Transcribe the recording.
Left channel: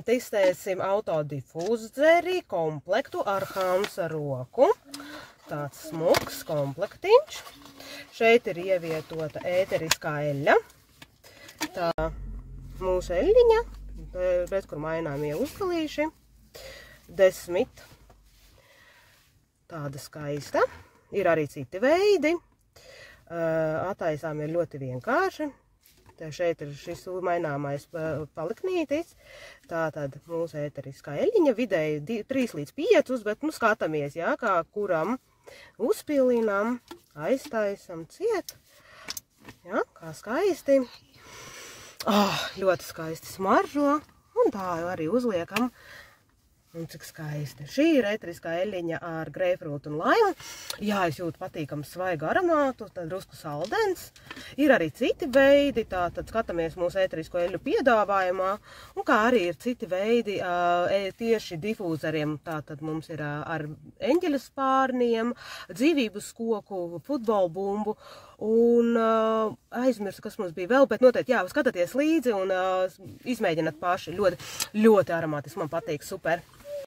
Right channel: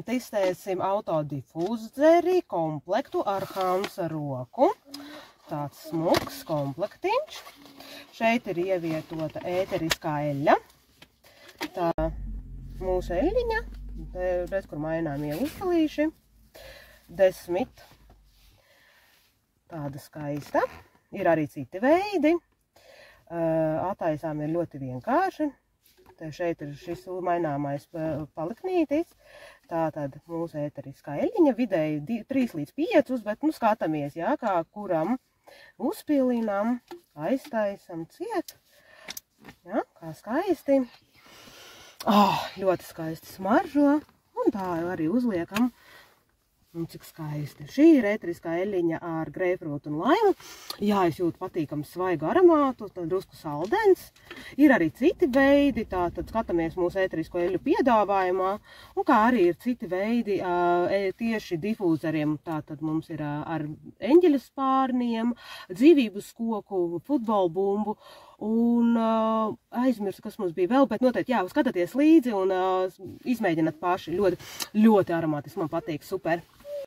Testēsim autodifūzeri komplektu ar Hansa roku. Tāds smuks komplektiņš. Šeit ir ievietota ēteriskā eļļa. Tā mūsu eļļiņa, redz, kur maināmie uzkalīši. 10. Tāda skaista. Ir arī citi veidi. Attaisām ir ļoti vienkārši. Šeit ir šis maināmais paliknītis. Tātad mūsu ēteriskā eļļiņa vidēji 3 līdz 5, bet skatāmies, jā, kā kuram uzpilinām, aiztaisam ciet. Jā, kā skaisti. Ļoti skaisti smaržo. Un tā arī uzliekam. Un cik skaisti. Šī ir ēteriskā eļļiņa ar greipfrūtu un laimu. Jā, es jūtu patīkamu svaigu aromātu, tad drusku saldens. Ir arī citi veidi, tātad skatāmies mūsu ēterisko eļļu piedāvājumā. Un kā arī ir citi veidi tieši difūzeriem. Tātad mums ir ar eņģeļa spārniem, dzīvības koku, futbola bumbu. Un aizmirsu, kas mums bija vēl, bet noteikti, jā, skatāties līdzi un izmēģināt paši. Ļoti, ļoti aromātiski, man patīk, super.